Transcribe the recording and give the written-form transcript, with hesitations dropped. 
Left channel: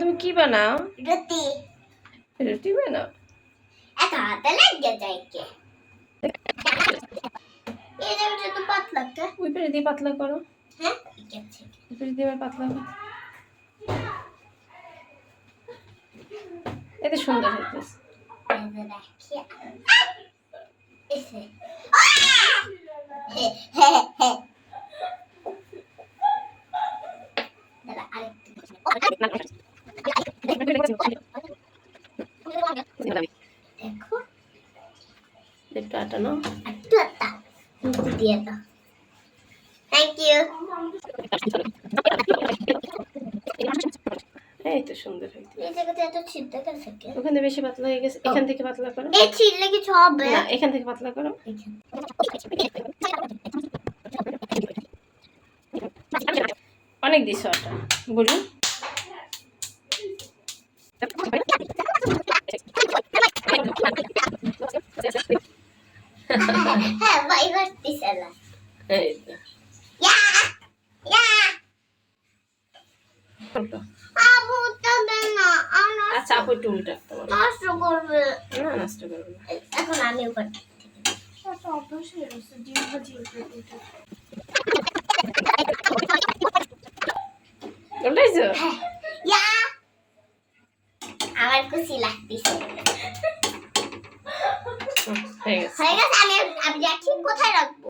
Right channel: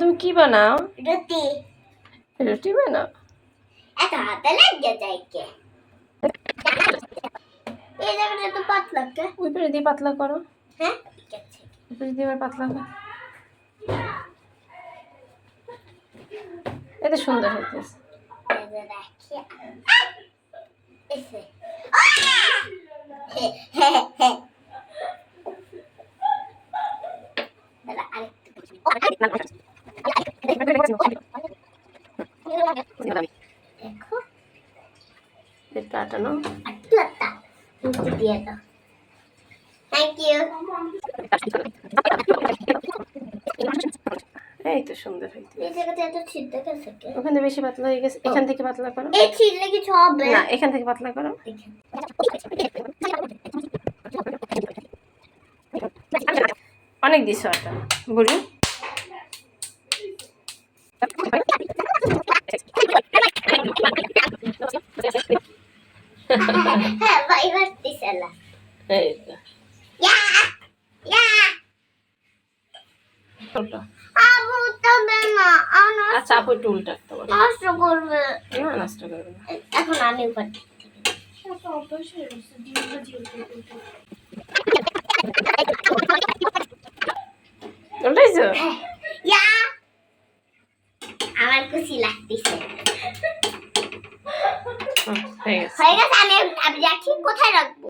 তুমি কি বানাও? রুটি। রুটি বানাও? এত হাতে লাগে যায় কে? এই জায়গাটা তো পাতলা কে? ওই পেরে দিয়ে পাতলা করো। হ্যাঁ ঠিক আছে। ওই পেরে দিয়ে পাতলা করো। এতে সুন্দর হইতেছে। এই রাখি। এসে। হে হে হে। দাদা আরেকটু। দেখো একটু আটানো। একটু আটা নিচে দিয়ে দাও। Thank you. এই তো সুন্দর হইতেছে। এই জায়গাতে এত ছিদ্র গেছে কে? ওখানে বেশি পাতলা হয়ে গেছে, এখান থেকে পাতলা করো। এই ছিললে কিছু হবে না, এখান থেকে পাতলা করো। অনেক দিছো আটা বুড়ি। হ্যাঁ ভাই ভার্তিছে না। এই তো ইয়া ইয়া উল্টো। আবু তবে না আনো আচ্ছা আপু একটু উল্টা তোমার। নষ্ট করবে না নষ্ট করবে না। এখন আমি উপর উল্টাইছো? ইয়া আমার খুশি লাগতেছে। হয়ে গেছে। হয়ে গেছে আমি যাচ্ছি কোথায় রাখবো?